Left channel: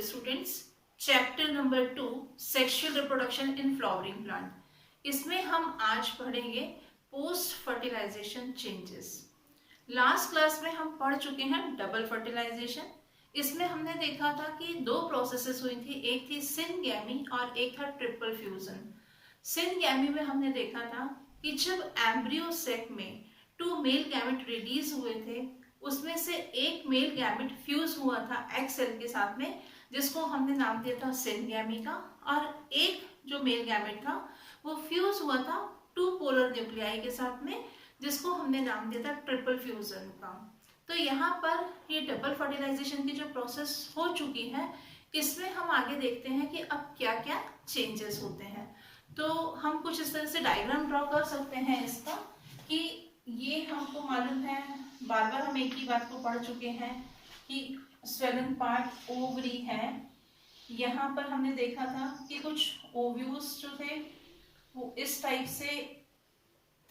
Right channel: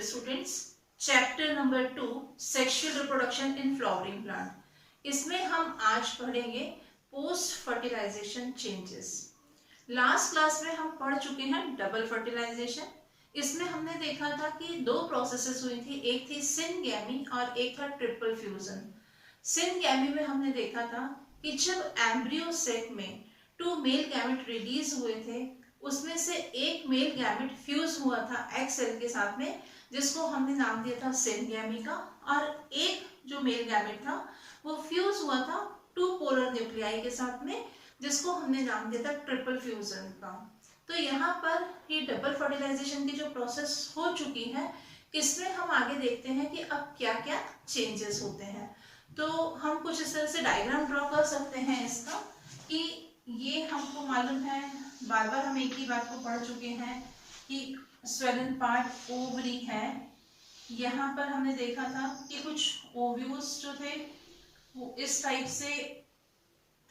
Dear students, chapter number 2 sexual reproduction in flowering plant. इसमें हम आज पढ़ेंगे post fertilization changes. Last class में हम पढ़ चुके हैं डबल फर्टिलाइजेशन। इसमें हमने देखा था कि दो प्रोसेसेस हुई थी, एक थी सिनगैमी और एक था ट्रिपल फ्यूजन। सिनगैमी में हमने देखा था कि जब एम्ब्रियो सेक में 2 मेल गैमेट रिलीज हुए थे, उसमें से एक मेल गैमेट फ्यूज हुआ था एग सेल के साथ में, जिसको हमने नाम दिया था सिनगैमी का, और एक जो मेल गैमेट था वो फ्यूज हुआ था 2 पोलर न्यूक्लियाई के साथ में, जिसको हमने नाम दिया था ट्रिपल फ्यूजन का। तो यहाँ पर ये डबल फर्टिलाइजेशन की जो प्रोसेस हो चुकी है, इसमें हम आगे देखते हैं कि अब क्या क्या चेंजेस होते हैं। तो हम कुछ इस तरह से डायग्राम ड्रॉ कर सकते हैं इसका, कि ये हमको मालूम है, बार बार हम एक ही बात को पढ़ चुके हैं कि स्वेलन पार्ट ओवरी है। यहाँ पर हमने देखा था कि कुछ ओव्यूल्स जो थे वो इस टाइप से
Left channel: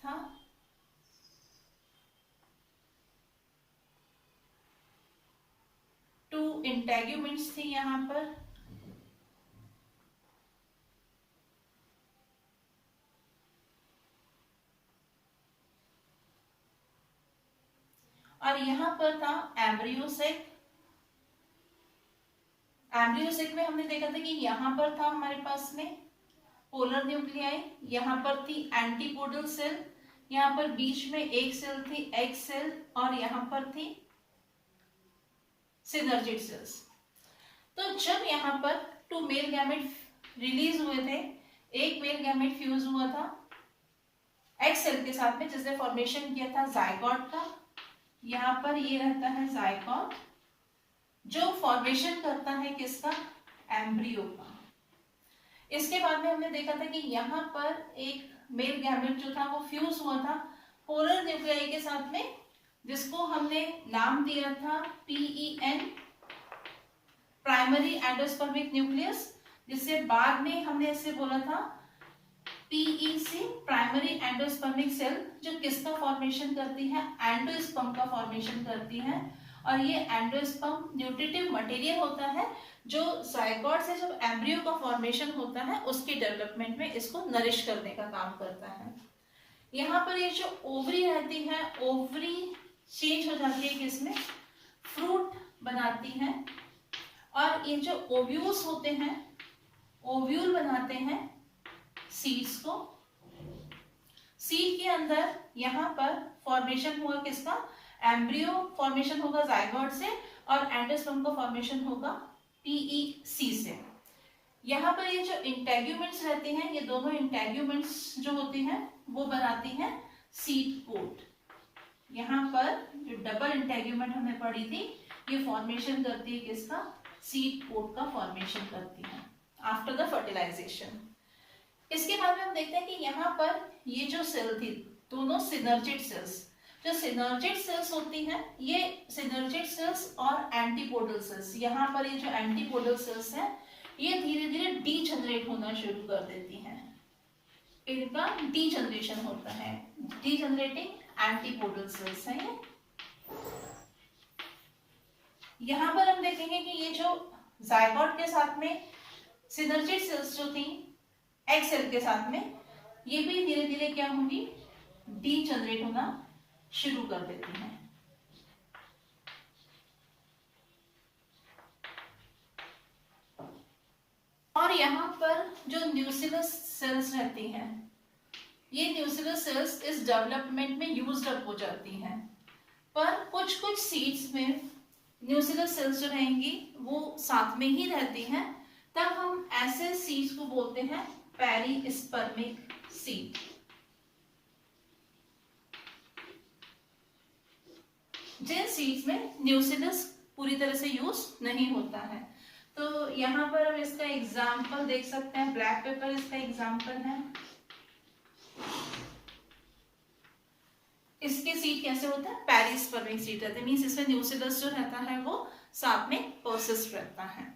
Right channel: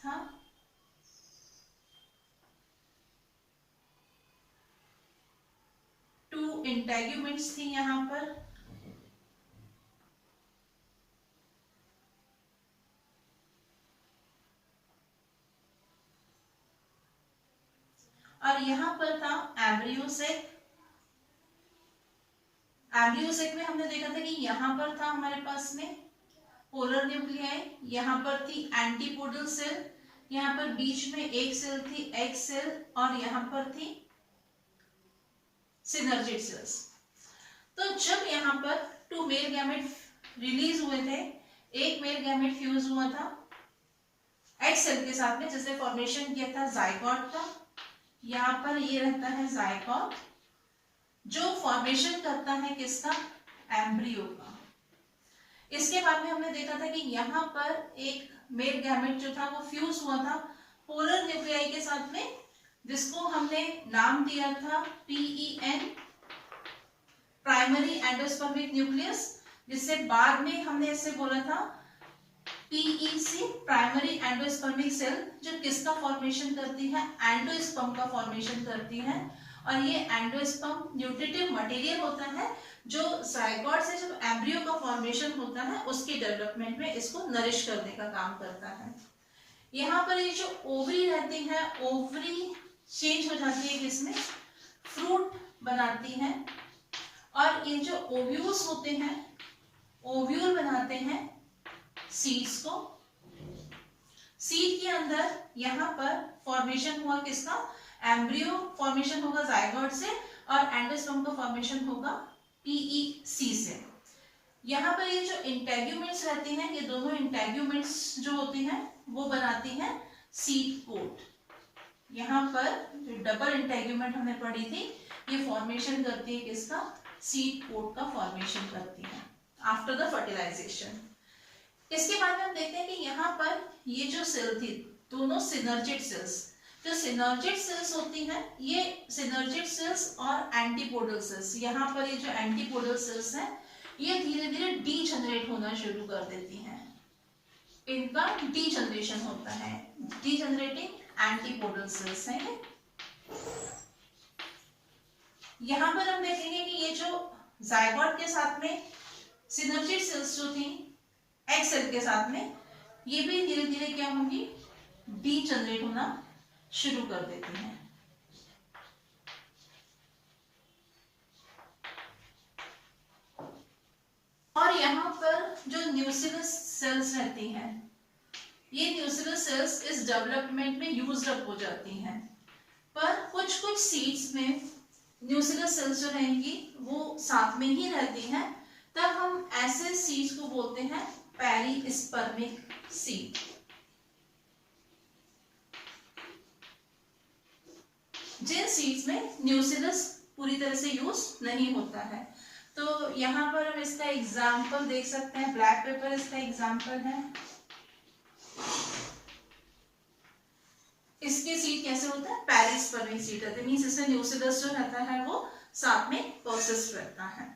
था, टू इंटेग्यूमेंट्स थी यहाँ पर, और यहाँ पर था एम्ब्रियोसेक। एम्ब्रियोसेक में हमने देखा था कि यहाँ पर था हमारे पास में पोलर न्यूक्लियाई, यहाँ पर थी एंटीपोडल सेल, यहाँ पर बीच में एक सेल थी एग सेल, और यहाँ पर थी सिनर्जिड सेल्स। तो जब यहाँ पर 2 मेल गैमेट रिलीज हुए थे, एक मेल गैमेट फ्यूज हुआ था एग सेल के साथ में, जिसने फॉर्मेशन किया था जाइगोट का। यहाँ पर ये रहता है जाइगोट, जो फॉर्मेशन करता है किसका, एम्ब्रियो का। इसके बाद में हमने देखा था कि यहाँ पर एक मेल गैमेट जो था वो फ्यूज हुआ था पोलर न्यूक्लियाई के साथ में, जिसको हमने नाम दिया था PEN, प्राइमरी एंडोस्पर्मिक न्यूक्लियस, जिससे बाद में हमने इसे बोला था PEC, प्राइमरी एंडोस्पर्मिक सेल, जो किसका फॉर्मेशन करती है, एंडोस्पर्म का फॉर्मेशन करती है। और ये एंडोस्पर्म न्यूट्रिटिव मटेरियल होता है, जो जाइगोट से जब एम्ब्रियो का फॉर्मेशन होता है उसके डेवलपमेंट में इसको नरिश करने का काम करता है। यहाँ पर ये जो ओवरी रहती है, ओवरी चेंज हो जाती है किसमें, फ्रूट बनाती है, और ये जो ओव्यूल्स होते हैं, ओव्यूल बनाते हैं सीड्स को। सीड के अंदर यहाँ पर फॉर्मेशन हुआ किसका, एम्ब्रियो फॉर्मेशन होगा जाइगोट से, और एंडोस्पर्म का फॉर्मेशन होगा PEC से। यहाँ पर ये जो इंटेग्यूमेंट्स रहती हैं, ये दोनों इंटेग्यूमेंट्स जो होती हैं वो बनाती हैं सीड कोट। यहाँ पर जो डबल इंटेग्यूमेंट हमने पढ़ी थी, ये फॉर्मेशन करती है किसका, सीड कोट का फॉर्मेशन करती है आफ्टर द फर्टिलाइजेशन। इसके बाद में हम देखते हैं कि यहाँ पर ये जो सेल थी, दोनों सिनर्जिड सेल्स, जो सिनर्जिड सेल्स होती हैं, ये सिनर्जिड सेल्स और एंटीपोडल सेल्स, यहाँ पर ये जो एंटीपोडल सेल्स हैं, ये धीरे धीरे डीजनरेट होना शुरू कर देती हैं। इनका डीजनरेशन होता है, डीजनरेटिंग एंटीपोडल सेल्स हैं ये। यहाँ पर हम देखेंगे कि ये जो जाइगोट के साथ में सिनर्जिड सेल्स जो थी एग सेल के साथ में, ये भी धीरे धीरे क्या होंगी, डीजनरेट होना शुरू कर देती हैं। और यहाँ पर जो न्यूक्लियस सेल्स रहती हैं, ये न्यूक्लियस सेल्स इस डेवलपमेंट में यूज्ड अप हो जाती हैं, पर कुछ कुछ सीड्स में न्यूक्लियस सेल्स जो रहेंगी वो साथ में ही रहती हैं, तब हम ऐसे सीड्स को बोलते हैं पेरिस्पर्मिक सीड। जिन सीड्स में न्यूक्लियस पूरी तरह से यूज नहीं होता है। तो यहाँ पर हम इसका एग्जाम्पल देख सकते हैं, ब्लैक पेपर इसका एग्जाम्पल है। इसके सीड कैसे होता है, पेरिस्पर्मिक सीड रहते हैं, मींस इसमें न्यूक्लियस जो रहता है वो साथ में परसिस्ट रहता है।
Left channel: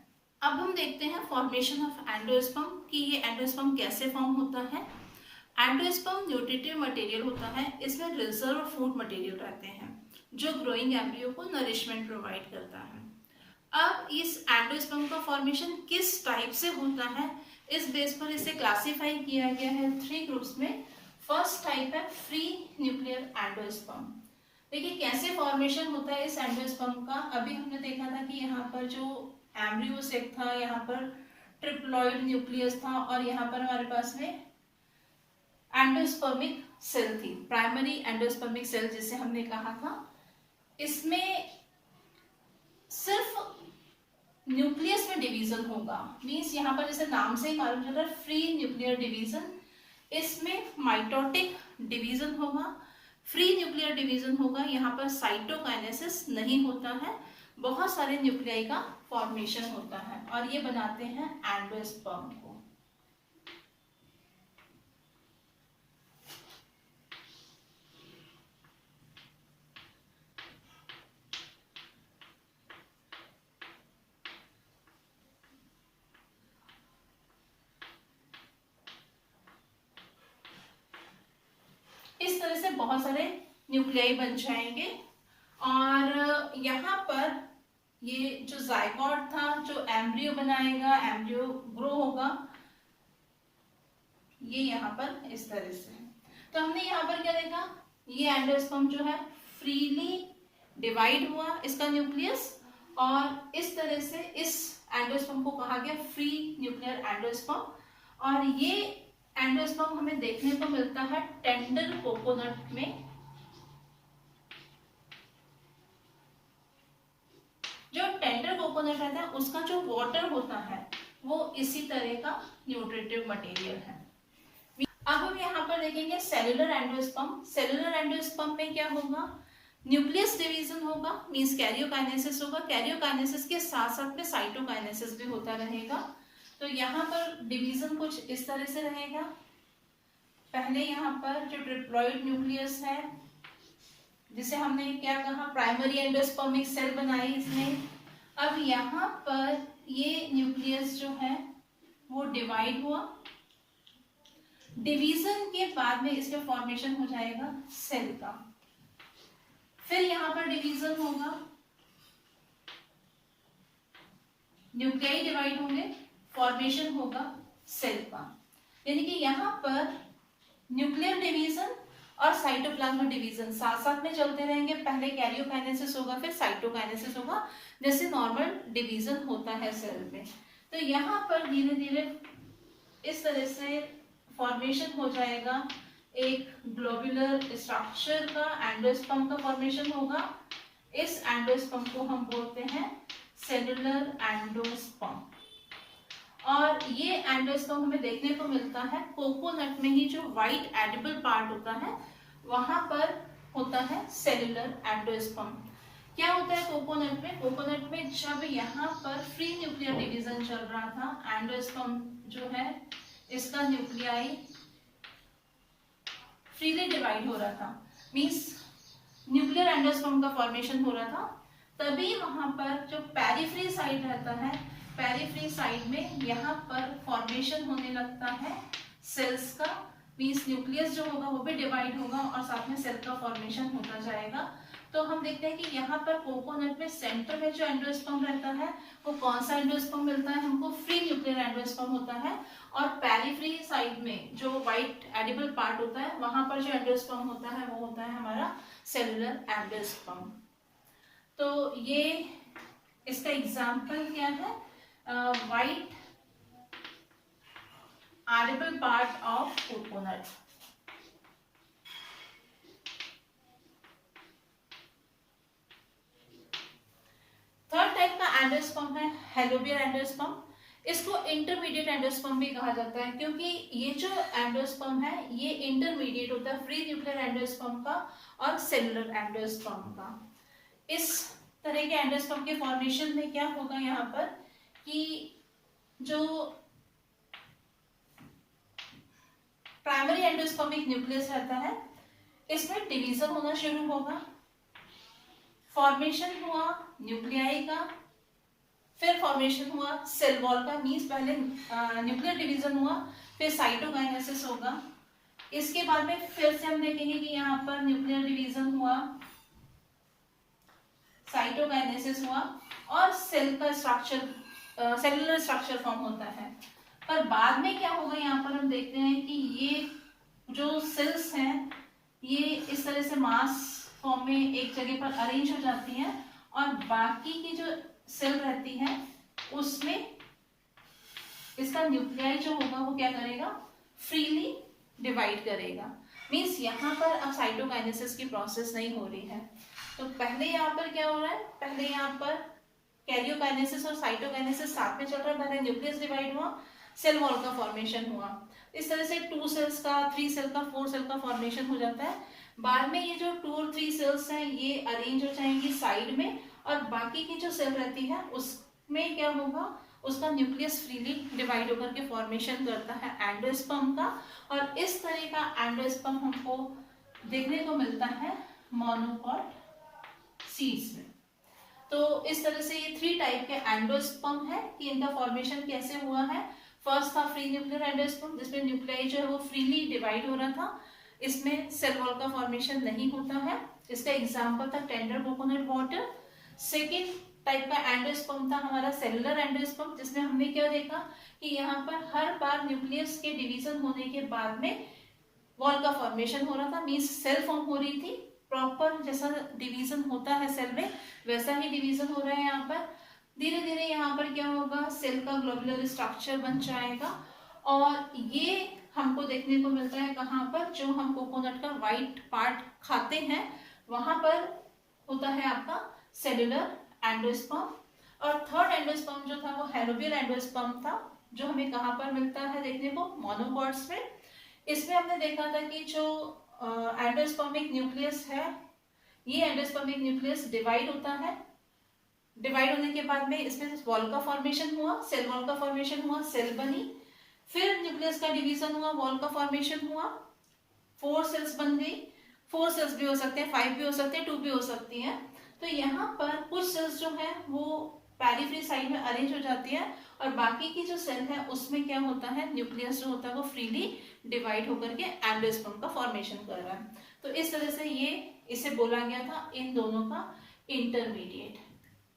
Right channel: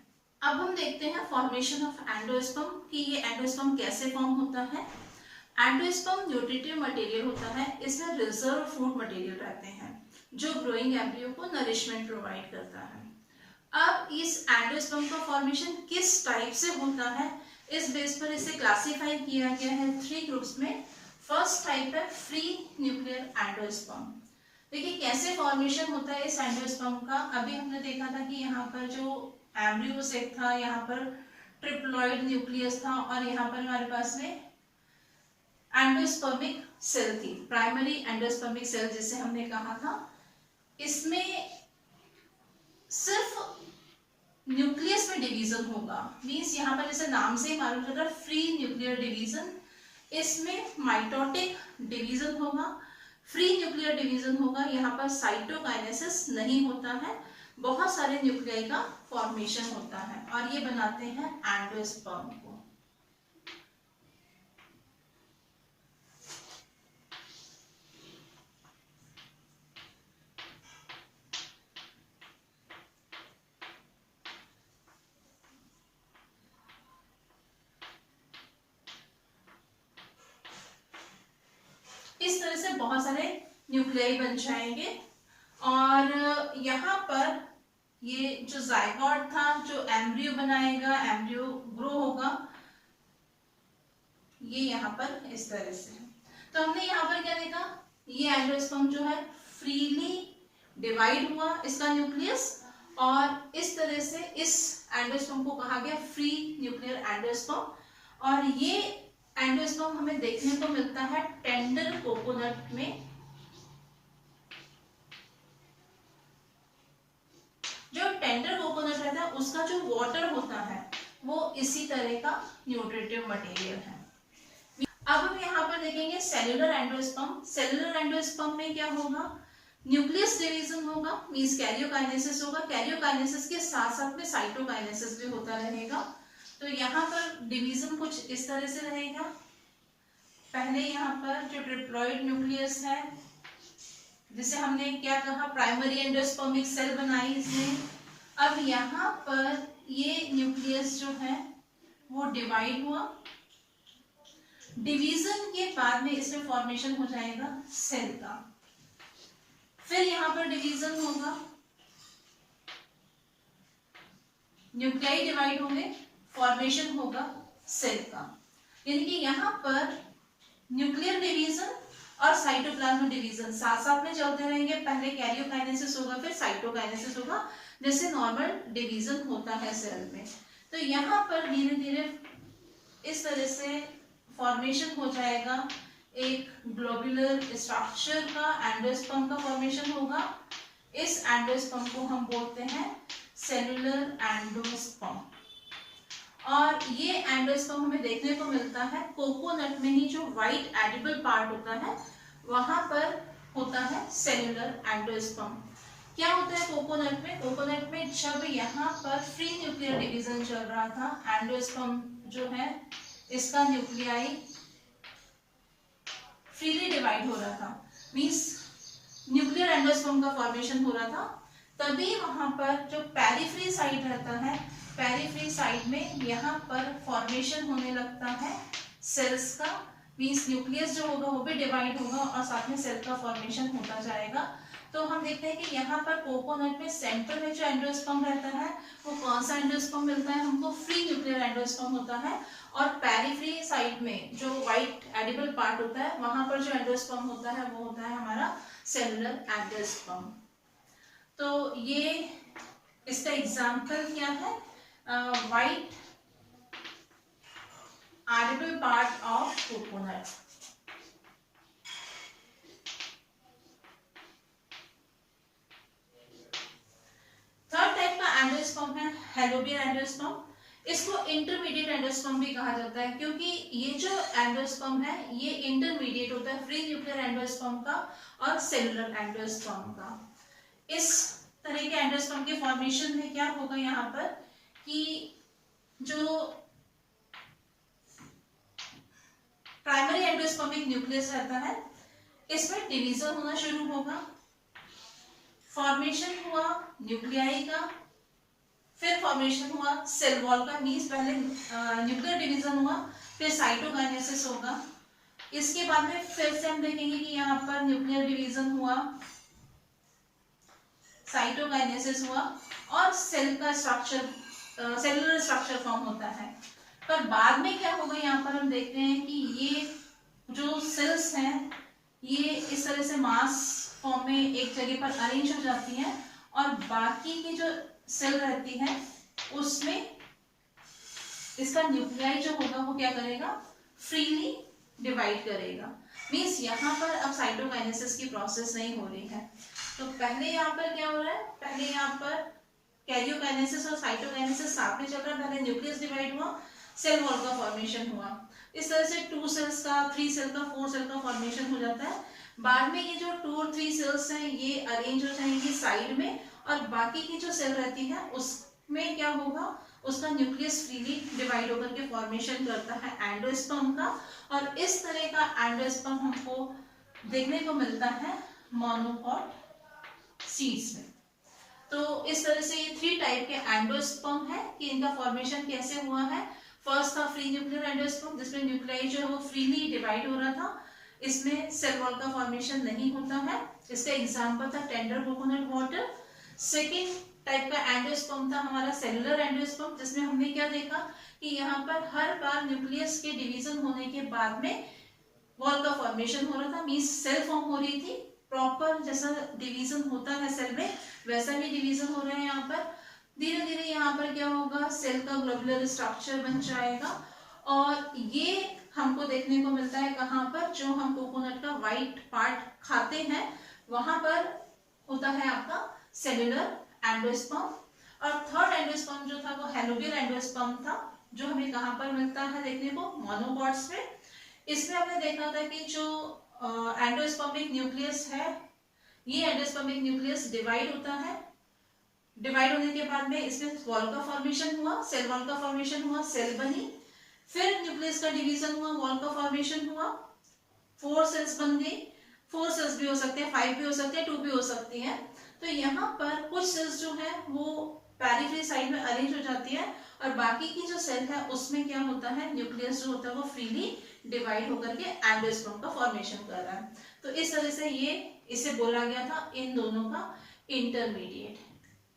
अब हम देखते हैं फॉर्मेशन ऑफ एंडोस्पर्म, कि ये एंडोस्पर्म कैसे फॉर्म होता है। एंडोस्पर्म न्यूट्रिटिव मटेरियल होता है, इसमें रिजर्व फूड मटेरियल रहते हैं जो ग्रोइंग एम्ब्रियो को नरिशमेंट प्रोवाइड करता है। अब इस एंडोस्पर्म का फॉर्मेशन किस टाइप से होता है, इस बेस पर इसे क्लासिफाई किया गया है 3 ग्रुप्स में। फर्स्ट टाइप है फ्री न्यूक्लियर एंडोस्पर्म। देखिए कैसे फॉर्मेशन होता है इस एंडोस्पर्म का। अभी हमने देखा था कि यहाँ पर जो एम्ब्रियो सेक था, यहाँ पर ट्रिप्लॉइड न्यूक्लियस था और यहाँ पर हमारे पास में एंडोस्पर्मिक सेल थी, प्राइमरी एंडोस्पर्मिक सेल जिसे हमने कहा था। इसमें सिर्फ न्यूक्लियस में डिवीजन होगा, मींस यहाँ पर जैसे नाम से ही मालूम चल रहा है फ्री न्यूक्लियर डिवीजन। इसमें माइटोटिक डिवीजन होगा, फ्री न्यूक्लियर डिवीजन होगा। यहाँ पर साइटोकाइनेसिस नहीं होता है, बहुत सारे न्यूक्लियाई का फॉर्मेशन होता है और ये बनाते हैं एंडोस्पर्म को। इस तरह से बहुत सारे न्यूक्लियाई बन जाएंगे और यहाँ पर ये जो जायगोट था, जो एम्ब्रियो बनाएगा, एम्ब्रियो ग्रो होगा, ये यहाँ पर इस तरह से। तो हमने यहाँ पर क्या देखा, ये एंडोस्पर्म जो है फ्रीली डिवाइड हुआ इसका न्यूक्लियस और इस तरह से इस एंडोस्पर्म को कहा गया फ्री न्यूक्लियर एंडोस्पर्म। और ये एंडोस्पर्म हमें देखने को मिलता है टेंडर कोकोनट में। जो टेंडर कोकोनट रहता है उसका जो वाटर होता है वो इसी तरह का न्यूट्रिटिव मटेरियल है। अब हम यहाँ पर देखेंगे सेल्यूलर एंडोस्पर्म। सेल्यूलर एंडोस्पर्म में क्या होगा, न्यूक्लियस डिवीजन होगा, मींस कैरियोकाइनेसिस होगा। कैरियोकाइनेसिस के साथ साथ में साइटोकाइनेसिस भी होता रहेगा। तो यहाँ पर डिवीजन कुछ इस तरह से रहेगा। पहले यहाँ पर जो ट्रिप्लॉइड न्यूक्लियस है, जिसे हमने क्या कहा, प्राइमरी एंडोस्पर्मिक सेल बनाई इसने। अब यहाँ पर ये न्यूक्लियस जो है वो डिवाइड हुआ, डिवीजन के बाद में इसमें फॉर्मेशन हो जाएगा सेल का। फिर यहाँ पर डिवीजन होगा, न्यूक्लियाई डिवाइड होंगे, फॉर्मेशन होगा सेल का। यानी कि यहाँ पर न्यूक्लियर डिवीजन और साइटोप्लाज्म डिवीजन साथ साथ में चलते रहेंगे। पहले कैरियोकाइनेसिस होगा, फिर साइटोकाइनेसिस होगा, जैसे नॉर्मल डिवीजन होता है सेल में। तो यहाँ पर धीरे धीरे इस तरह से फॉर्मेशन हो जाएगा एक ग्लोबुलर स्ट्रक्चर का, एंडोस्पर्म का फॉर्मेशन होगा। इस एंडोस्पर्म को हम बोलते हैं सेलुलर एंडोस्पर्म। और ये एंडोस्पर्म हमें देखने को मिलता है कोकोनट में ही, जो व्हाइट एडिबल पार्ट होता है वहां पर होता है सेलुलर एंडोस्पर्म। क्या होता है कोकोनट में, कोकोनट में जब यहाँ पर फ्री न्यूक्लियर डिवीजन चल रहा था, एंडोस्पर्म जो है इसका न्यूक्लियाई फ्रीली डिवाइड हो रहा था, मींस न्यूक्लियर एंडोस्पर्म का फॉर्मेशन हो रहा था, तभी वहां पर जो पेरिफ्री साइड रहता है, पेरिफ्री साइड में यहाँ पर फॉर्मेशन होने लगता है सेल्स का, मींस न्यूक्लियस जो होगा वो भी डिवाइड होगा और साथ में सेल का फॉर्मेशन होता जाएगा। तो हम देखते हैं कि यहाँ पर कोकोनट में सेंटर में जो एंडोस्पर्म रहता है वो कौन सा एंडोस्पर्म मिलता है हमको, फ्री न्यूक्लियर एंडोस्पर्म होता है। और पेरिफ्री साइड में जो व्हाइट एडिबल पार्ट होता है वहां पर जो एंडोस्पर्म होता है वो होता है हमारा सेलुलर एंडोस्पर्म। तो ये इसका एग्जाम्पल क्या है, white edible part of coconut. Third type का एंडोस्पर्म है हेलोबियर एंडोस्पर्म। इसको इंटरमीडिएट एंडोस्पर्म भी कहा जाता है, क्योंकि ये जो एंडोस्पर्म है ये इंटरमीडिएट होता है फ्री न्यूक्लियर एंडोस्पर्म का और सेलुलर एंडोस्पर्म का। इस तरह के एंडोस्पर्म के फॉर्मेशन में क्या होगा यहाँ पर कि जो प्राइमरी एंडोस्पर्मिक न्यूक्लियस रहता है इसमें डिवीजन होना शुरू होगा, फॉर्मेशन हुआ न्यूक्लियाई का, फिर फॉर्मेशन हुआ सेल वॉल का, मींस पहले न्यूक्लियर डिवीजन हुआ, फिर साइटोकाइनेसिस होगा। इसके बाद में फिर से हम देखेंगे कि यहाँ पर न्यूक्लियर डिवीजन हुआ, साइटोकाइनेसिस हुआ और सेल का स्ट्रक्चर, सेलुलर स्ट्रक्चर फॉर्म होता है। पर बाद में क्या होगा, यहाँ पर हम देखते हैं कि ये जो सेल्स हैं ये इस तरह से मास फॉर्म में एक जगह पर अरेंज हो जाती हैं और बाकी की जो सेल रहती है उसमें इसका न्यूक्लियाई जो होगा वो क्या करेगा, फ्रीली डिवाइड करेगा। मीन्स यहाँ पर अब साइटोकाइनेसिस की प्रोसेस नहीं हो रही है। तो पहले यहाँ पर क्या हो रहा है, पहले यहाँ पर कैरियोकाइनेसिस और साइटोकाइनेसिस साथ में चल रहा है। पहले न्यूक्लियस डिवाइड हुआ, सेल वॉल का फॉर्मेशन हुआ, इस तरह से 2 सेल्स का, 3 सेल का, 4 सेल का फॉर्मेशन हो जाता है। बाद में ये जो 2 और 3 सेल्स हैं ये अरेंज हो जाएंगी साइड में और बाकी की जो सेल रहती है उसमें क्या होगा, उसका न्यूक्लियस फ्रीली डिवाइड होकर के फॉर्मेशन करता है एंडोस्पर्म का। और इस तरह का एंडोस्पर्म हमको देखने को मिलता है मोनोकॉट सीड्स में। तो इस तरह से ये 3 टाइप के एंडोस्पर्म है कि इनका फॉर्मेशन कैसे हुआ है। फर्स्ट था फ्री न्यूक्लियर एंडोस्पर्म जिसमें न्यूक्लियाई जो है वो फ्रीली डिवाइड हो रहा था, इसमें सेल वॉल का फॉर्मेशन नहीं होता है। इसका एग्जांपल था tender coconut water. Second type का एंडोस्पर्म था हमारा सेलुलर एंडोस्पर्म, जिसमें हमने क्या देखा कि यहाँ पर हर बार न्यूक्लियस के डिवीजन होने के बाद में वॉल का फॉर्मेशन हो रहा था, मींस सेल फॉर्म हो रही थी। प्रॉपर जैसा डिवीजन होता है सेल में वैसा ही डिवीजन हो रहा है यहाँ पर। धीरे धीरे यहाँ पर क्या होगा, सेल का ग्लोबुलर स्ट्रक्चर बन जाएगा और ये हमको देखने को मिलता है कहाँ पर, जो हम कोकोनट का व्हाइट पार्ट खाते हैं वहां पर होता है आपका सेलुलर एंडोस्पर्म। और थर्ड एंडोस्पर्म जो था वो हेलोबियल एंडोस्पर्म था, जो हमें कहाँ पर मिलता है देखने को, मोनोकॉट्स में। इसमें हमने देखा था कि जो एंडोस्पर्मिक न्यूक्लियस है, ये एंडोस्पर्मिक न्यूक्लियस डिवाइड होता है। डिवाइड होने के बाद में इसमें वॉल का फॉर्मेशन हुआ, सेल वॉल का फॉर्मेशन हुआ, सेल बनी, फिर न्यूक्लियस का डिवीजन हुआ, वॉल का फॉर्मेशन हुआ, 4 सेल्स बन गई। 4 सेल्स भी हो सकते हैं, 5 भी हो सकते हैं, 2 भी हो सकती हैं। तो यहाँ पर कुछ सेल्स जो है वो पेरिफेरी साइड में अरेंज हो जाती है और बाकी की जो सेल है उसमें क्या होता है, न्यूक्लियस जो होता है वो फ्रीली डिवाइड होकर के एंडोस्पर्म का फॉर्मेशन कर रहा है। तो इस तरह से ये इसे बोला गया था इन दोनों का इंटरमीडिएट।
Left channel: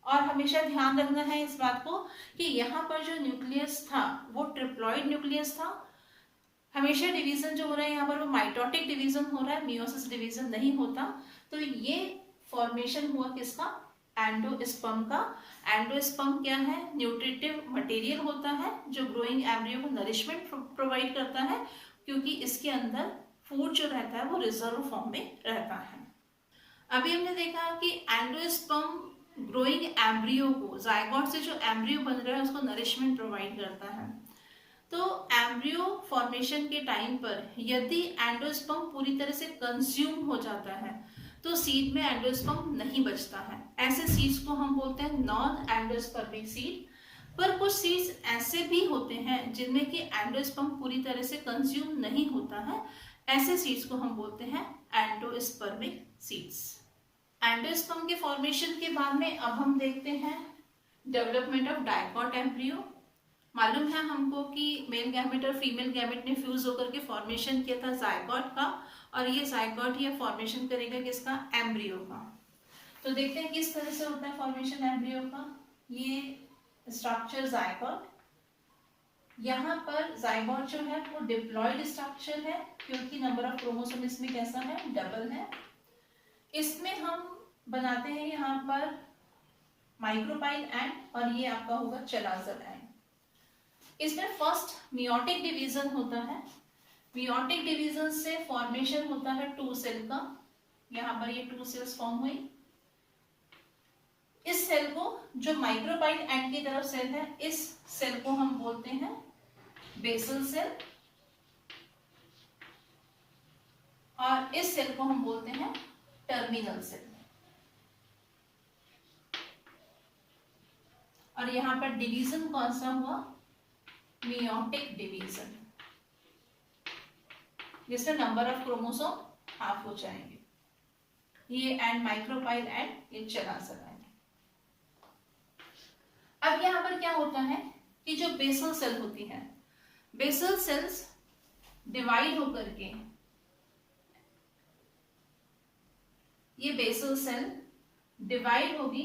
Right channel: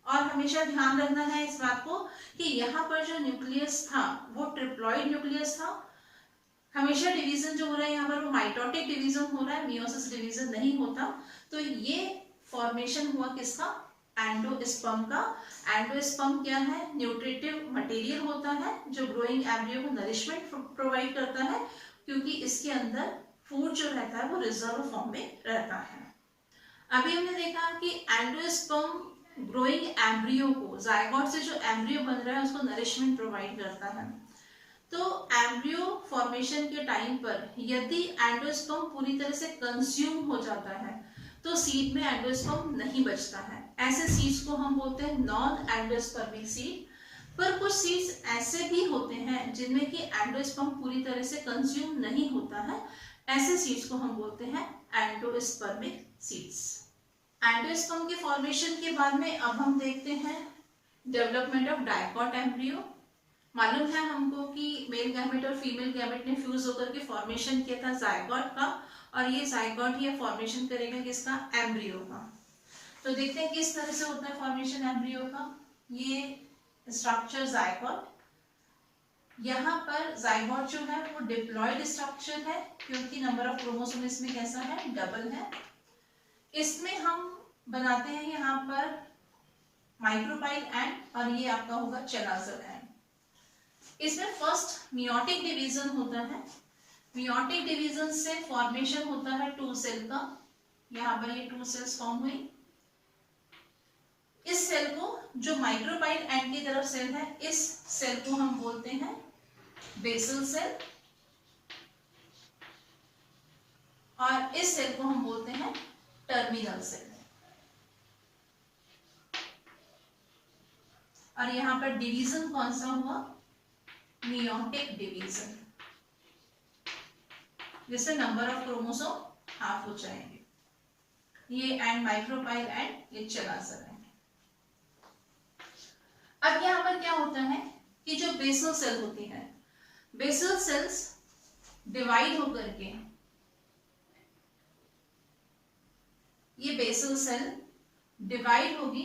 और हमेशा ध्यान रखना है इस बात को कि यहाँ पर जो न्यूक्लियस था वो ट्रिप्लॉइड न्यूक्लियस था। हमेशा डिवीजन जो हो रहा है यहाँ पर वो माइटोटिक डिवीजन हो रहा है, मियोसिस डिवीजन नहीं होता। तो ये फॉर्मेशन हुआ किसका, एंडोस्पर्म का। एंडोस्पर्म क्या है, न्यूट्रिटिव मटेरियल होता है जो ग्रोइंग एम्ब्रियो को नरिशमेंट प्रोवाइड करता है, क्योंकि इसके अंदर फूड जो रहता है वो रिजर्व फॉर्म में रहता है। अभी हमने देखा कि एंडोस्पर्म ग्रोइंग एम्ब्रियो को, जायगोट से जो एम्ब्रियो बन रहा है उसको नरिशमेंट प्रोवाइड करता है। तो एम्ब्रियो फॉर्मेशन के टाइम पर यदि एंडोस्पर्म पूरी तरह से कंज्यूम हो जाता है तो सीड में एंडोस्पर्म नहीं बचता है। ऐसे सीड्स को हम बोलते हैं नॉन एंडोस्पर्मिक सीड। पर कुछ सीड्स ऐसे भी होते हैं जिनमें कि एंडोस्पर्म पूरी तरह से कंज्यूम नहीं होता है, ऐसे सीड्स को हम बोलते हैं एंडोस्पर्मिक सीड्स। एंडोस्पर्म के फॉर्मेशन के बाद में अब हम देखते हैं डेवलपमेंट ऑफ डाइकॉट एम्ब्रियो। मालूम है हमको कि मेल गैमेट और फीमेल गैमेट ने फ्यूज होकर के फॉर्मेशन किया था जायगोट का, और ये जायगोट ही फॉर्मेशन करेगा किसका, एम्ब्रियो का। तो देखते हैं किस तरह से होता है फॉर्मेशन एम्ब्रियो का। ये स्ट्रक्चर जायगोट, यहाँ पर जायगोट जो है वो डिप्लॉयड स्ट्रक्चर है क्योंकि नंबर ऑफ क्रोमोसोम इसमें कैसा है, डबल है। इसमें हम बनाते हैं यहाँ पर माइक्रोपाइल एंड, और ये आपका होगा चलाजर एंड। इसमें फर्स्ट मियोटिक डिवीजन होता है। मियोटिक डिवीजन से फॉर्मेशन होता है 2 सेल का। यहाँ पर ये 2 सेल्स फॉर्म हुई। इस सेल को, जो माइक्रोपाइल एंड की तरफ सेल है, इस सेल को हम बोलते हैं बेसल सेल, और इस सेल को हम बोलते हैं टर्मिनल सेल। और यहाँ पर डिवीजन कौन सा हुआ, मियोटिक डिवीजन, जिसमें नंबर ऑफ क्रोमोसोम हाफ हो जाएंगे। ये एंड माइक्रोपाइल एंड, ये चलाजर एंड। अब यहाँ पर क्या होता है कि जो बेसल सेल होती है, बेसल सेल्स डिवाइड होकर के, ये बेसल सेल डिवाइड होगी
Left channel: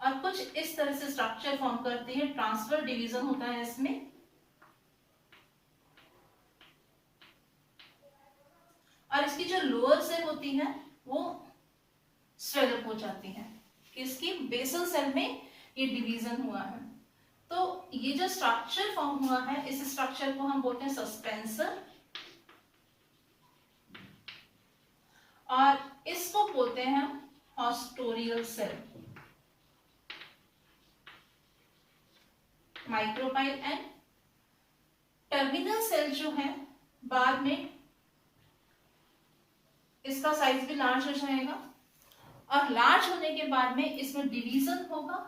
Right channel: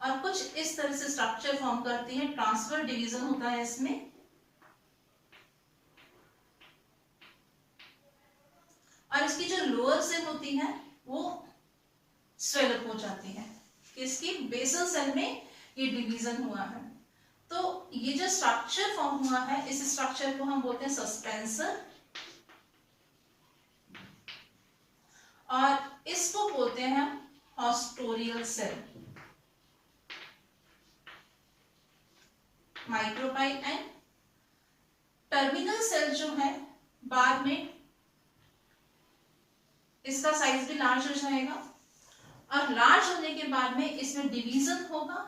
और कुछ इस तरह से स्ट्रक्चर फॉर्म करती है। ट्रांसफर डिवीजन होता है इसमें, और इसकी जो लोअर सेल होती है वो स्वेलअप हो जाती है। इसकी बेसल सेल में ये डिवीजन हुआ है। तो ये जो स्ट्रक्चर फॉर्म हुआ है, इस स्ट्रक्चर को हम बोलते हैं सस्पेंसर, और इसको बोलते हैं हम haustorial cell. Micropyle and terminal cell जो है, बाद में इसका साइज भी लार्ज हो जाएगा, और लार्ज होने के बाद में इसमें डिवीजन होगा।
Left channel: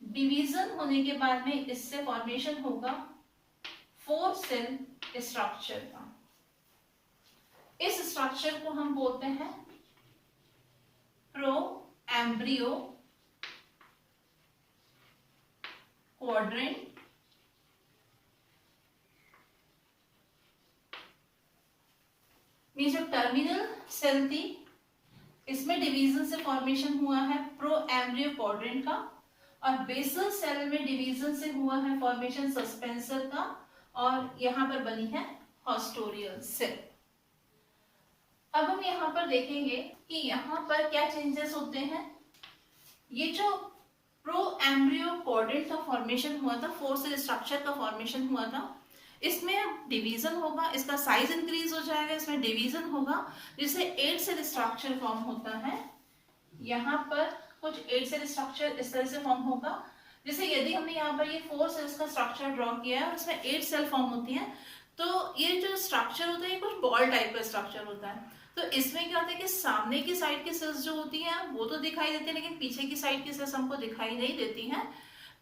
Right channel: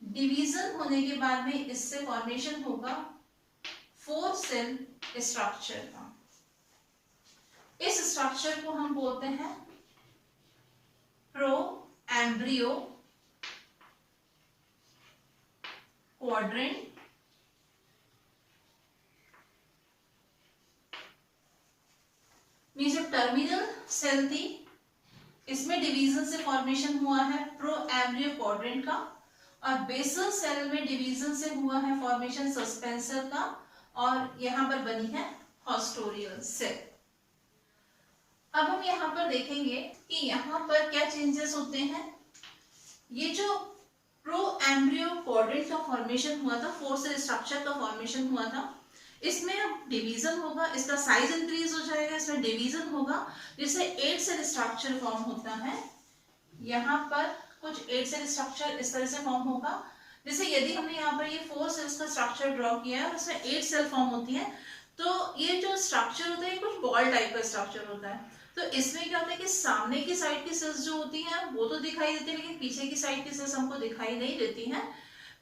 डिवीजन होने के बाद में इससे फॉर्मेशन होगा 4 सेल स्ट्रक्चर का। इस स्ट्रक्चर को हम बोलते हैं प्रो एम्ब्रियो क्वाड्रेंट, जो टर्मिनल सेल थी इसमें डिवीजन से फॉर्मेशन हुआ है प्रो एम्ब्रियो क्वाड्रेंट का, और बेसल सेल में डिवीजन से हुआ है फॉर्मेशन सस्पेंसर का, और यहां पर बनी है हॉस्टोरियल सेल। अब हम यहाँ पर देखेंगे कि यहाँ पर क्या चेंजेस होते हैं। ये जो प्रो एम्ब्रियो क्वाड्रेंट का फॉर्मेशन हुआ था, 4 सेल स्ट्रक्चर का फॉर्मेशन हुआ था, इसमें अब डिवीजन होगा, इसका साइज इंक्रीज हो जाएगा, इसमें डिवीजन होगा, जिससे 8 सेल स्ट्रक्चर फॉर्म होता है। यहाँ पर कुछ 8 सेल स्ट्रक्चर इस तरह से फॉर्म होगा। जैसे यदि हमने यहाँ पर ये 4 सेल्स का स्ट्रक्चर ड्रॉ किया है और उसमें 8 सेल फॉर्म होती है, तो ये जो स्ट्रक्चर होता है ये कुछ बॉल टाइप का स्ट्रक्चर होता है। तो इसमें क्या होता है कि सामने की साइड की सेल्स जो होती हैं वो तो दिखाई देती है, लेकिन पीछे की साइड की सेल्स हमको दिखाई नहीं देती हैं।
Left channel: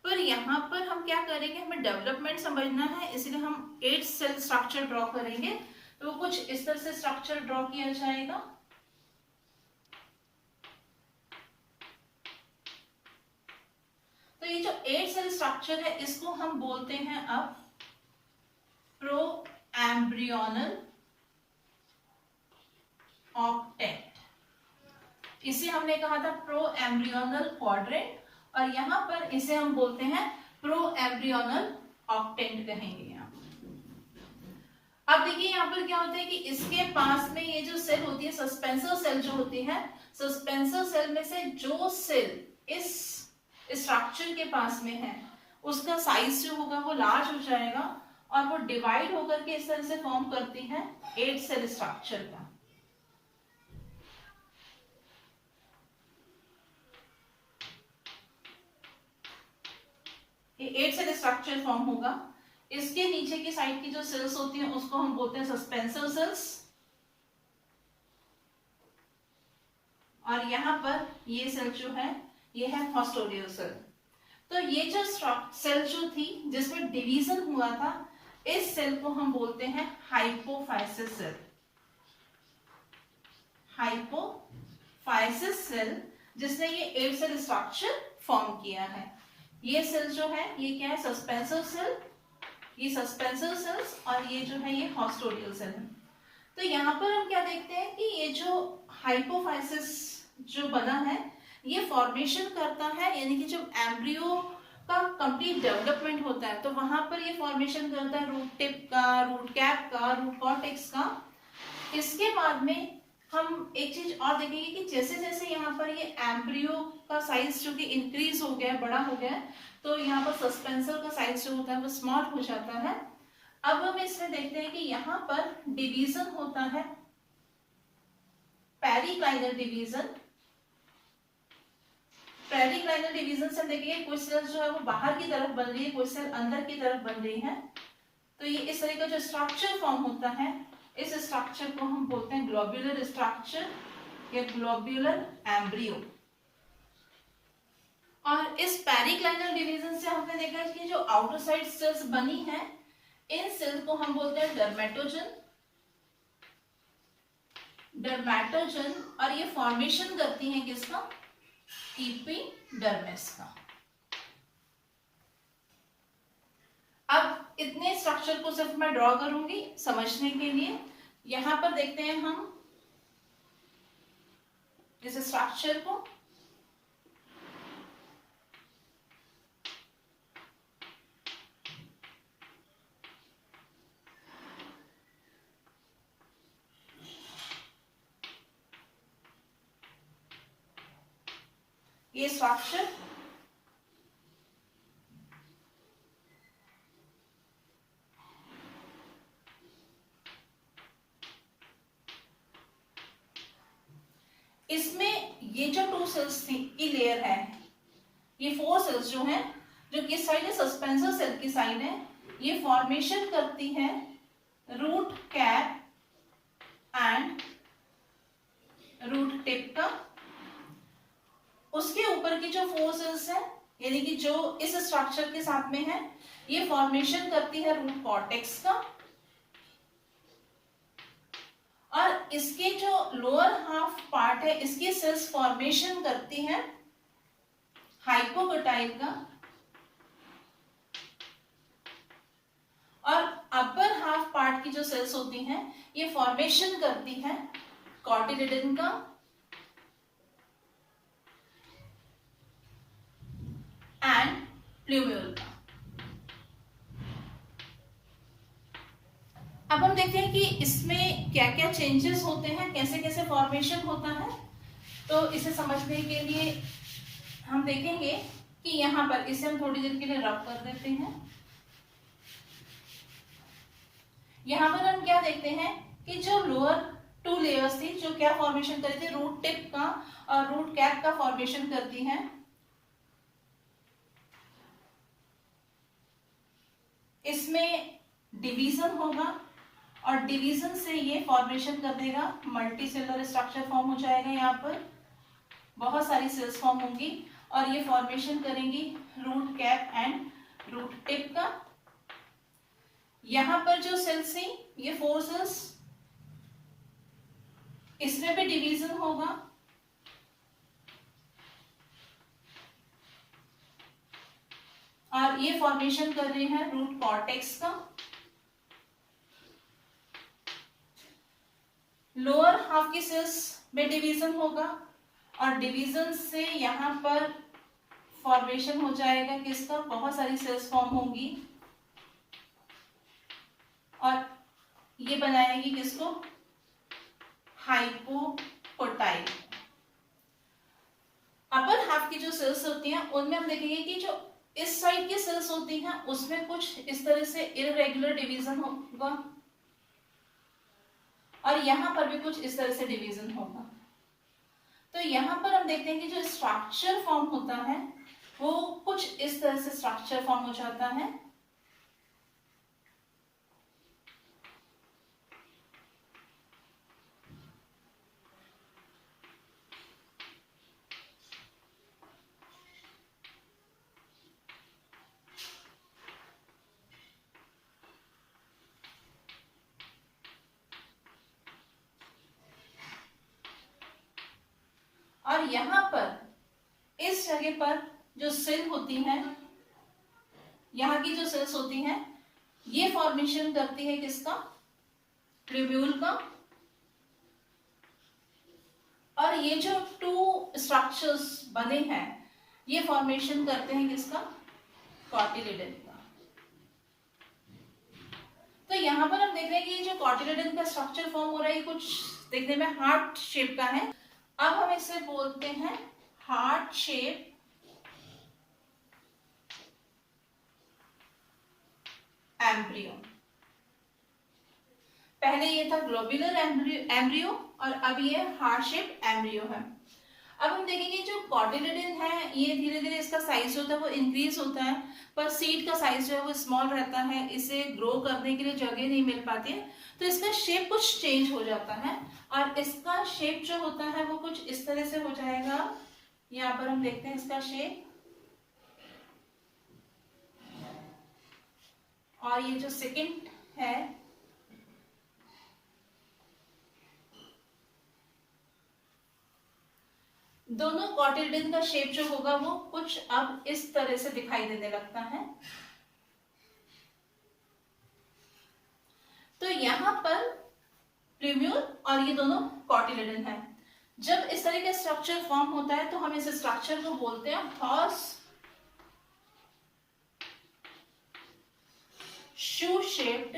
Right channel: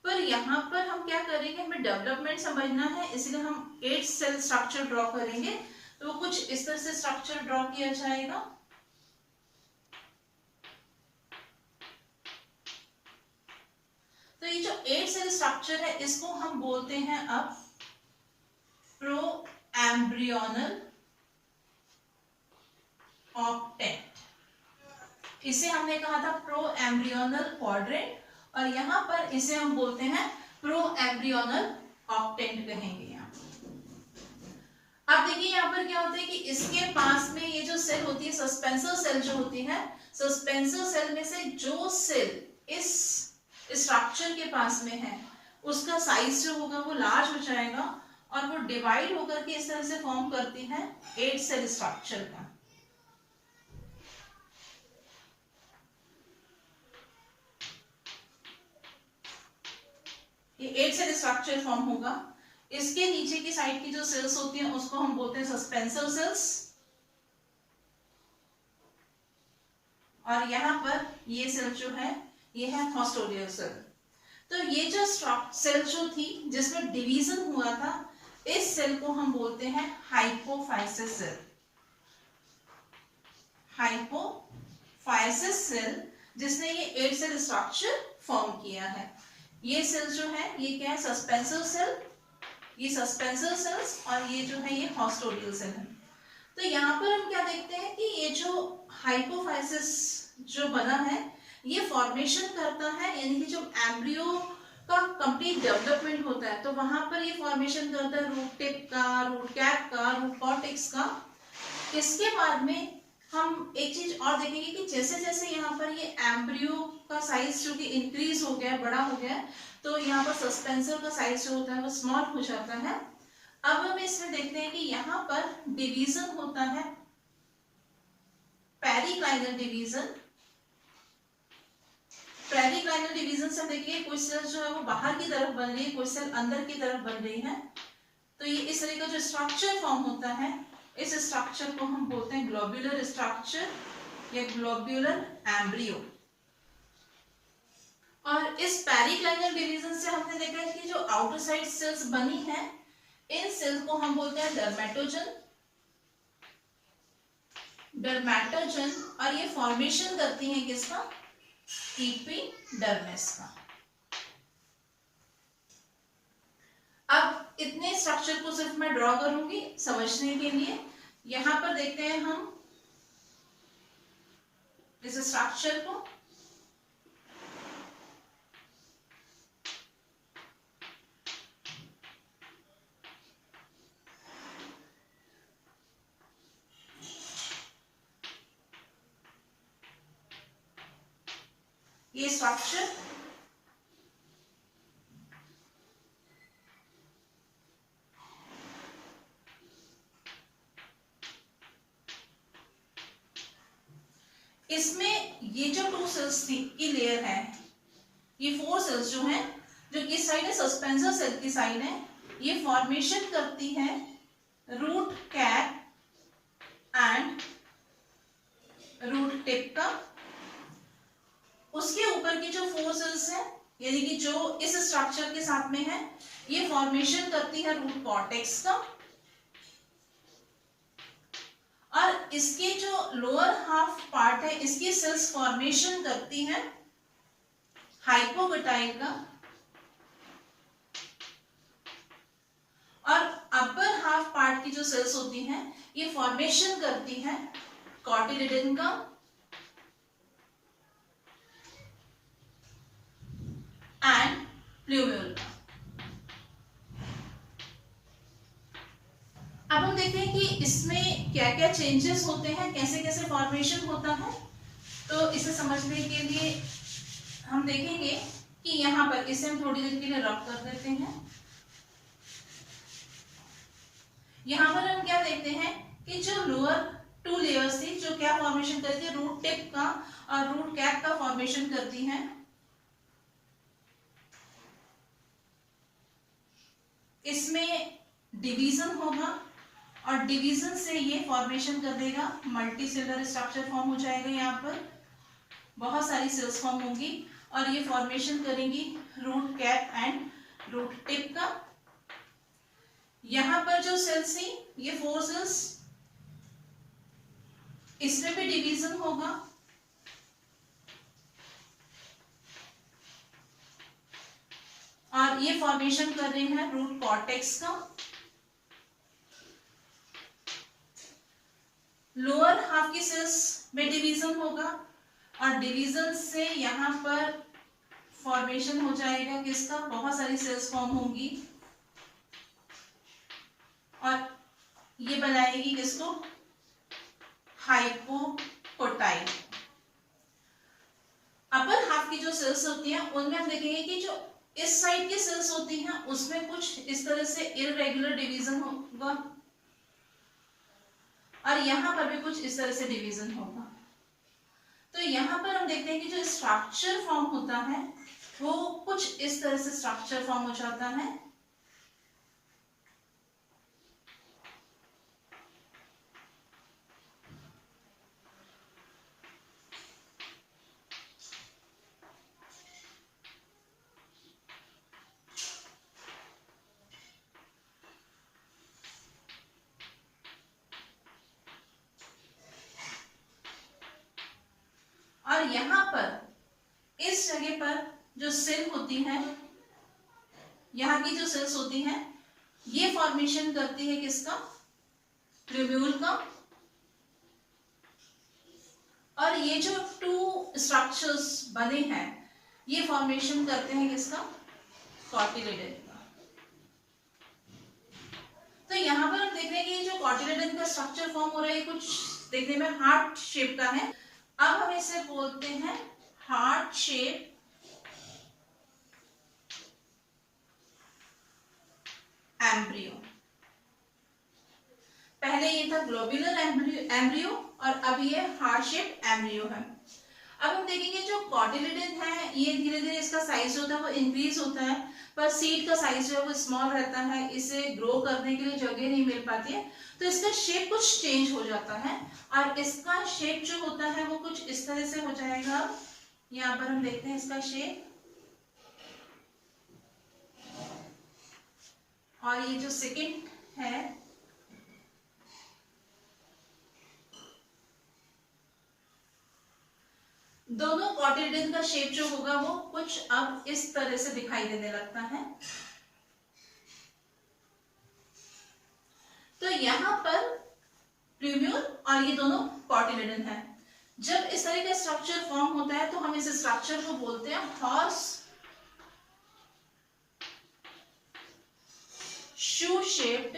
पर यहाँ पर हम क्या करेंगे, हमें डेवलपमेंट समझना है, इसलिए हम 8 सेल स्ट्रक्चर ड्रॉ करेंगे। तो वो कुछ इस तरह से स्ट्रक्चर ड्रॉ किया जाएगा। तो ये जो 8 सेल स्ट्रक्चर है इसको हम बोलते हैं अब प्रो एम्ब्रियोनल ऑक्टेट। इसे हमने कहा था प्रो एम्ब्रियोनल क्वाड्रेंट, और यहाँ पर इसे हम बोलते हैं प्रो एम्ब्रियोनल ऑक्टेंट कहेंगे। यहाँ अब देखिए यहाँ पर क्या होता है कि इसके पास में ये जो सेल होती है सस्पेंसर सेल जो होती है, सस्पेंसर सेल में से जो सेल इस स्ट्रक्चर के पास में है उसका साइज जो होगा वो लार्ज हो जाएगा, और वो डिवाइड होकर के इस तरह से फॉर्म करती है 8 सेल स्ट्रक्चर का। ये 8 सेल स्ट्रक्चर फॉर्म होगा। इसके नीचे की साइड की जो सेल्स होती हैं उसको हम बोलते हैं सस्पेंसर सेल्स, और यहाँ पर ये सेल जो है ये है हॉस्टोरियल सेल। तो ये जो सेल जो थी जिसमें डिवीजन हुआ था, इस सेल को हम बोलते हैं हाइपोफाइसिस सेल। हाइपोफाइसिस सेल जिसने ये 8 सेल स्ट्रक्चर फॉर्म किया है। ये सेल जो है ये क्या है, सस्पेंसर सेल, ये सस्पेंसर सेल्स, और ये जो है ये हॉस्टोरियल सेल है। तो यहाँ पर हम क्या देखते हैं कि ये जो हाइपोफाइसिस जो बना है ये फॉर्मेशन करता है, यानी कि जब एम्ब्रियो का कंप्लीट डेवलपमेंट होता है तो वहां पर ये फॉर्मेशन करता है रूट टिप का, रूट कैप का, रूट कॉर्टेक्स का। इसके बाद में हम एक चीज और देखेंगे कि जैसे जैसे यहाँ पर ये एम्ब्रियो का साइज जो कि इंक्रीज हो गया है, बड़ा हो गया है, तो यहाँ पर सस्पेंसर का साइज जो होता है वो स्मॉल हो जाता है। अब हम इसमें देखते हैं कि यहाँ पर डिवीजन होता है पेरिक्लाइनल डिवीजन। पेरिक्लाइनल डिवीजन से हम देखेंगे कुछ सेल जो है वो बाहर की तरफ बन रही है, कुछ सेल अंदर की तरफ बन रही है। तो ये इस तरह का जो स्ट्रक्चर फॉर्म होता है, इस स्ट्रक्चर को हम बोलते हैं ग्लोब्यूलर स्ट्रक्चर या ग्लोब्यूलर एम्ब्रियो। और इस पेरिक्लाइनल डिवीजन से हमने देखा है कि जो आउटर साइड सेल्स बनी है, इन सेल्स को हम बोलते हैं डर्मेटोजन। डर्मेटोजन, और ये फॉर्मेशन करती है किसका, एपिडर्मिस का। अब इतने स्ट्रक्चर को सिर्फ मैं ड्रॉ करूंगी समझने के लिए। यहां पर देखते हैं हम इस स्ट्रक्चर को। ये स्ट्रक्चर इसमें ये जो 2 सेल्स की लेयर है, ये 4 सेल्स जो है, जो किस साइड है, सस्पेंसर सेल की साइड है, ये फॉर्मेशन करती है root cap and root tip का। उसके ऊपर की जो 4 सेल्स है, यानी कि जो इस स्ट्रक्चर के साथ में है, ये फॉर्मेशन करती है रूट कॉर्टेक्स का। और इसके जो लोअर हाफ पार्ट है, इसकी सेल्स फॉर्मेशन करती है हाइपोग्लूटाइल का। और अपर हाफ पार्ट की जो सेल्स होती हैं, ये फॉर्मेशन करती है कॉटिलिडन का एंड प्लूम्यूल का। अब हम देखते हैं कि इसमें क्या क्या चेंजेस होते हैं, कैसे कैसे फॉर्मेशन होता है। तो इसे समझने के लिए हम देखेंगे कि यहाँ पर इसे हम थोड़ी देर के लिए रब कर देते हैं। यहाँ पर हम क्या देखते हैं कि जो लोअर 2 लेयर्स थी, जो क्या फॉर्मेशन करती है, रूट टिप का और रूट कैप का फॉर्मेशन करती है। इसमें डिवीजन होगा और डिवीजन से ये फॉर्मेशन कर देगा मल्टीसेलुलर स्ट्रक्चर फॉर्म हो जाएगा। यहाँ पर बहुत सारी सेल्स फॉर्म होंगी और ये फॉर्मेशन करेंगी root cap and root tip का। यहाँ पर जो सेल्स थी, ये 4 सेल्स, इसमें भी डिवीजन होगा और ये फॉर्मेशन कर रहे हैं रूट कॉर्टेक्स का। लोअर हाफ की सेल्स में डिवीजन होगा और डिवीजन से यहाँ पर फॉर्मेशन हो जाएगा किसका, बहुत सारी सेल्स फॉर्म होंगी और ये बनाएगी किसको, हाइपोग्लूटाइल। अपर हाफ की जो सेल्स होती हैं, उनमें हम देखेंगे कि जो इस साइड की सेल्स होती हैं, उसमें कुछ इस तरह से इररेगुलर डिवीजन होगा और यहाँ पर भी कुछ इस तरह से डिवीजन होगा। तो यहाँ पर हम देखते हैं कि जो स्ट्रक्चर फॉर्म होता है, वो कुछ इस तरह से स्ट्रक्चर फॉर्म हो जाता है। और यहाँ पर इस जगह पर जो सेल होती है, यहाँ की जो सेल्स होती हैं, ये फॉर्मेशन करती है किसका, ट्यूब्यूल का। और ये जो 2 स्ट्रक्चर्स बने हैं, ये फॉर्मेशन करते हैं किसका, कॉटिलिडन का। तो यहाँ पर हम देख रहे हैं कि ये जो कॉटिलिडन का स्ट्रक्चर फॉर्म हो रहा है, ये कुछ देखने में हार्ट शेप का है। अब हम इसे बोलते हैं हार्ट शेप एम्ब्रियो। पहले ये था ग्लोब्यूलर एम्ब्रियो और अब ये हार्ट शेप एम्ब्रियो है। अब हम देखेंगे जो कॉटिलिडन है, ये धीरे धीरे इसका साइज जो होता है वो इंक्रीज होता है, पर सीड का साइज जो है वो स्मॉल रहता है। इसे ग्रो करने के लिए जगह नहीं मिल पाती है, तो इसका शेप कुछ चेंज हो जाता है और इसका शेप जो होता है वो कुछ इस तरह से हो जाएगा। यहाँ पर हम देखते हैं इसका शेप, और ये जो सेकंड है, दोनों कॉटिलिडन का शेप जो होगा वो कुछ अब इस तरह से दिखाई देने लगता है। तो यहाँ पर ट्यूब्यूल और ये दोनों कॉटिलिडन है। जब इस तरह का स्ट्रक्चर फॉर्म होता है तो हम इस स्ट्रक्चर को बोलते हैं हॉर्स शू शेप्ड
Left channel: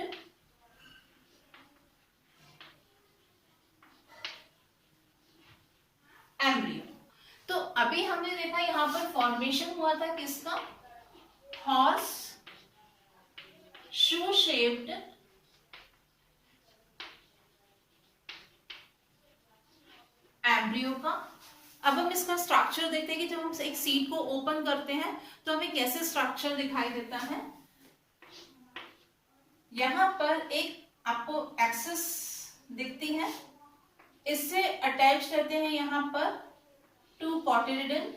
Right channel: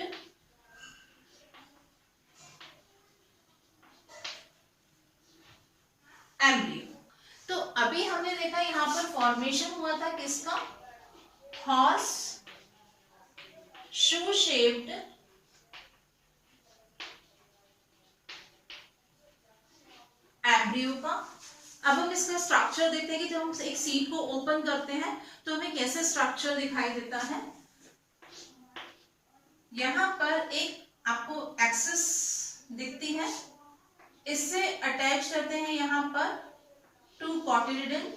एम्ब्रियो। तो अभी हमने देखा यहां पर फॉर्मेशन हुआ था किसका, हॉर्स शू शेप्ड एम्ब्रियो का। अब हम इसका स्ट्रक्चर देखते हैं कि जब हम एक सीड को ओपन करते हैं तो हमें कैसे स्ट्रक्चर दिखाई देता है। यहां पर एक आपको एक्सिस दिखती है, इससे अटैच करते हैं यहां पर टू कॉटिलिडन।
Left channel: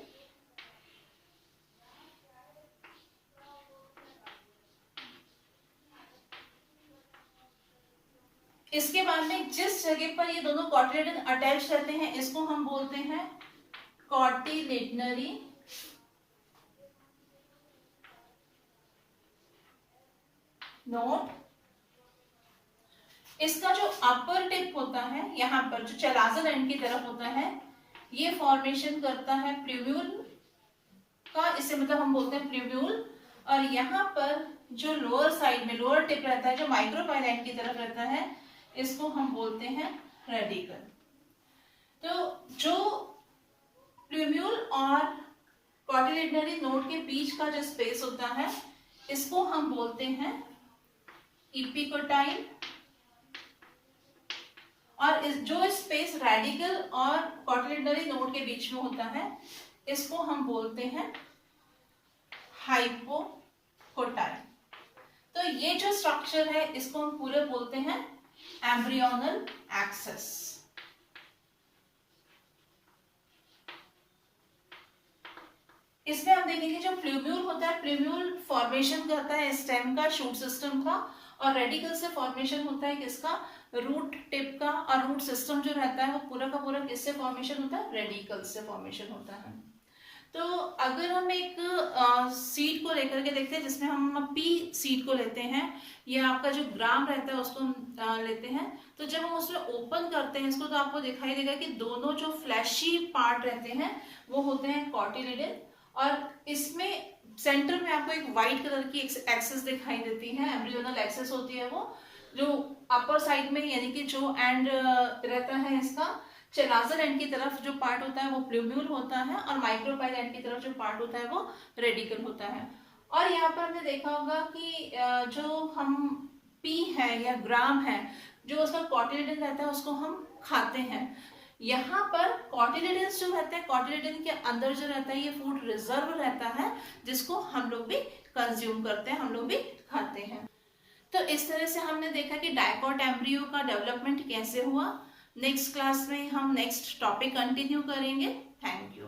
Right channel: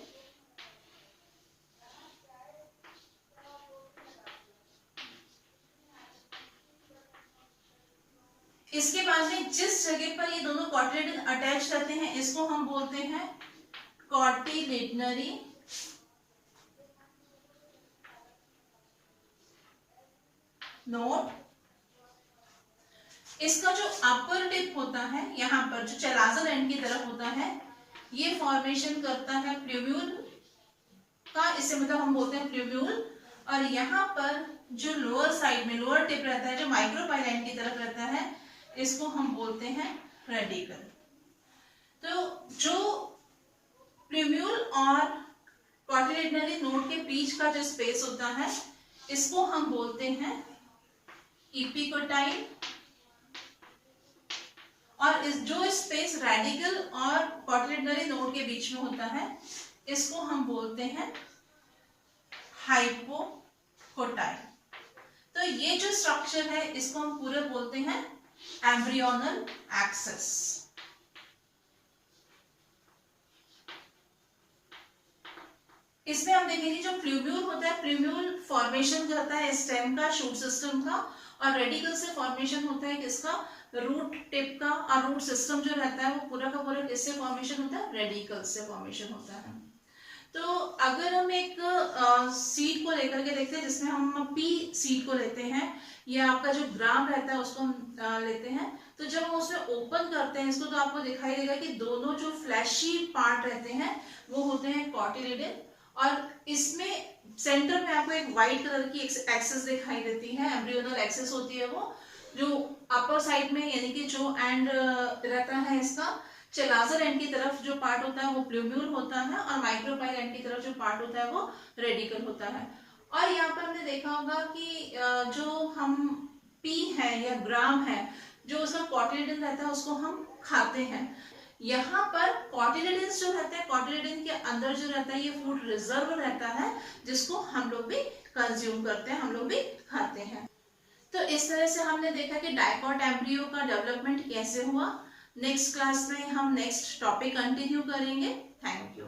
इसके बाद में जिस जगह पर ये दोनों कॉटिलिडन अटैच करते हैं इसको हम बोलते हैं कॉटिलिडनरी नोड। इसका जो अपर टिप होता है यहां पर जो चलाजल एंड की तरफ होता है, ये फॉर्मेशन करता है प्यूब्यूल का, इसे मतलब हम बोलते हैं प्यूब्यूल। और यहाँ पर जो लोअर साइड में लोअर टिप रहता है जो माइक्रोपाइल एंड की तरफ रहता है, इसको हम बोलते हैं रेडिकल। तो जो प्यूब्यूल और कॉटिलिडनरी नोड के बीच का जो स्पेस होता है इसको हम बोलते हैं इपिकोटाइल। और जो स्पेस रेडिकल और कॉटिलिडनरी नोड के बीच में होता है इसको हम बोलते हैं हाइपोकोटाइल। तो ये जो स्ट्रक्चर है इसको हम पूरे बोलते हैं एम्ब्रियोनल एक्सेस। इसमें हम देखेंगे जो प्लूब्यूल होता है, प्लूब्यूल फॉर्मेशन करता है स्टेम का, शूट सिस्टम का, और रेडिकल से फॉर्मेशन होता है किसका, रूट टिप का। और रूट सिस्टम जो रहता है वो पूरा का पूरा किससे फॉर्मेशन होता है, रेडिकल से फॉर्मेशन होता है। तो अगर हम एक सीड को लेकर के देखते हैं जिसमें हम पी सीड को लेते हैं, या आपका जो ग्राम रहता है उसको हम लेते हैं, तो जब हम उसमें ओपन करते हैं इसको तो आपको दिखाई देगा कि दोनों जो फ्लैशी पार्ट रहते हैं वो होते हैं कॉटिलिडन। और इसमें सेंटर में आपको एक व्हाइट कलर की एक्सेस दिखाई देती है, एम्ब्रियोनल एक्सेस होती है वो, जो अपर साइड में यानी कि जो एंड रहता है इसका चलाजल एंड की तरफ जो पार्ट होता है वो प्लूब्यूल होता है, और माइक्रोपाइल एंड की तरफ जो पार्ट होता है वो रेडिकल होता है। और यहाँ पर हमने देखा होगा कि जो हम पी है या ग्राम है, जो उसका कॉटिलिडन रहता है उसको हम खाते हैं। यहाँ पर कॉटिलिडन जो रहता है, कॉटिलिडन के अंदर जो रहता है ये फूड रिजर्व रहता है जिसको हम लोग भी कंज्यूम करते हैं, हम लोग भी खाते हैं। तो इस तरह से हमने देखा कि डाइकॉट एम्ब्रियो का डेवलपमेंट कैसे हुआ। नेक्स्ट क्लास में हम नेक्स्ट टॉपिक कंटिन्यू करेंगे। Thank you.